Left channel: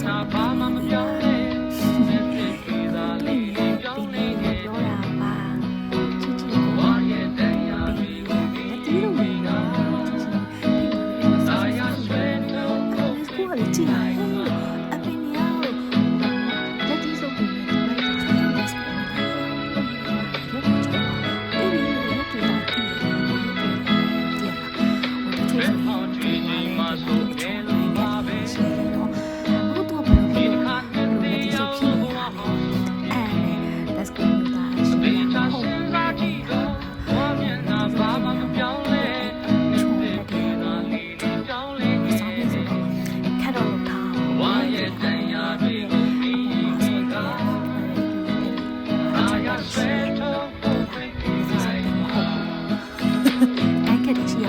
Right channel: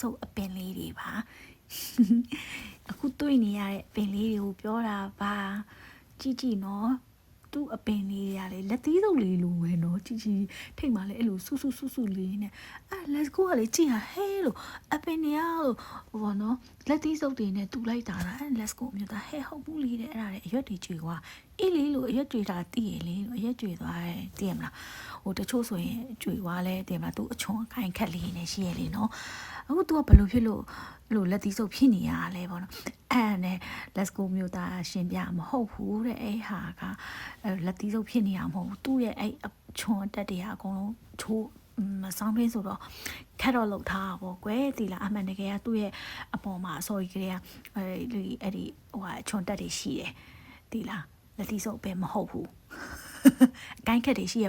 ဆောင်တွေ့နေရတဲ့ပင်လေးကိုပြောတာပါချစ်ချစ်ကိုသူ့ပင်လေးရတယ်လက်သေးလို့ဝင်တော့ချစ်ချစ်ဖိမလေးအဲ့လိုဆက်ဆက်ဆက်ဆက်လက်စကူကလေးကြည့်ရဟဲ့လို့အပင်လေးကဟိုဘာနော်လက်သေးစုပ်တွေနဲ့တူလိုက်တာလက်စကူကဟဲ့ဟုတ်ပြီလက်ကိုကျော်ပါအဲ့ဒီလိုရက်တွေကတည်တယ်ရက်တွေကတည်ရလားဟိုတချို့ဆိုရင် လို့လက်တီးစုပ်ဖြစ်နေရလဲအဲ့နဲ့ let's go မျိုးသားရှင်ရမဟုတ်ဘူးတဲ့ဟာကလက်တီးစုပ်ဖြစ်နေရမှာသူ့ရဲ့အဲ့အချုံတက်တရားကိုသူစောင်းပြီးဆိုတော့ခက်တော့လို့ထားအောင်ပဲဒီလားအဲ့ဒါသူ့ရဲ့အပေါ်မှာဆိုရင်အဲ့ဒီအဲ့ဒီအချုံတက်ရှိရဲ့ဒီလားလက်တီးစုပ်ပင်မဟုတ်ဘူးကိုင်းခက်တွေရှိရ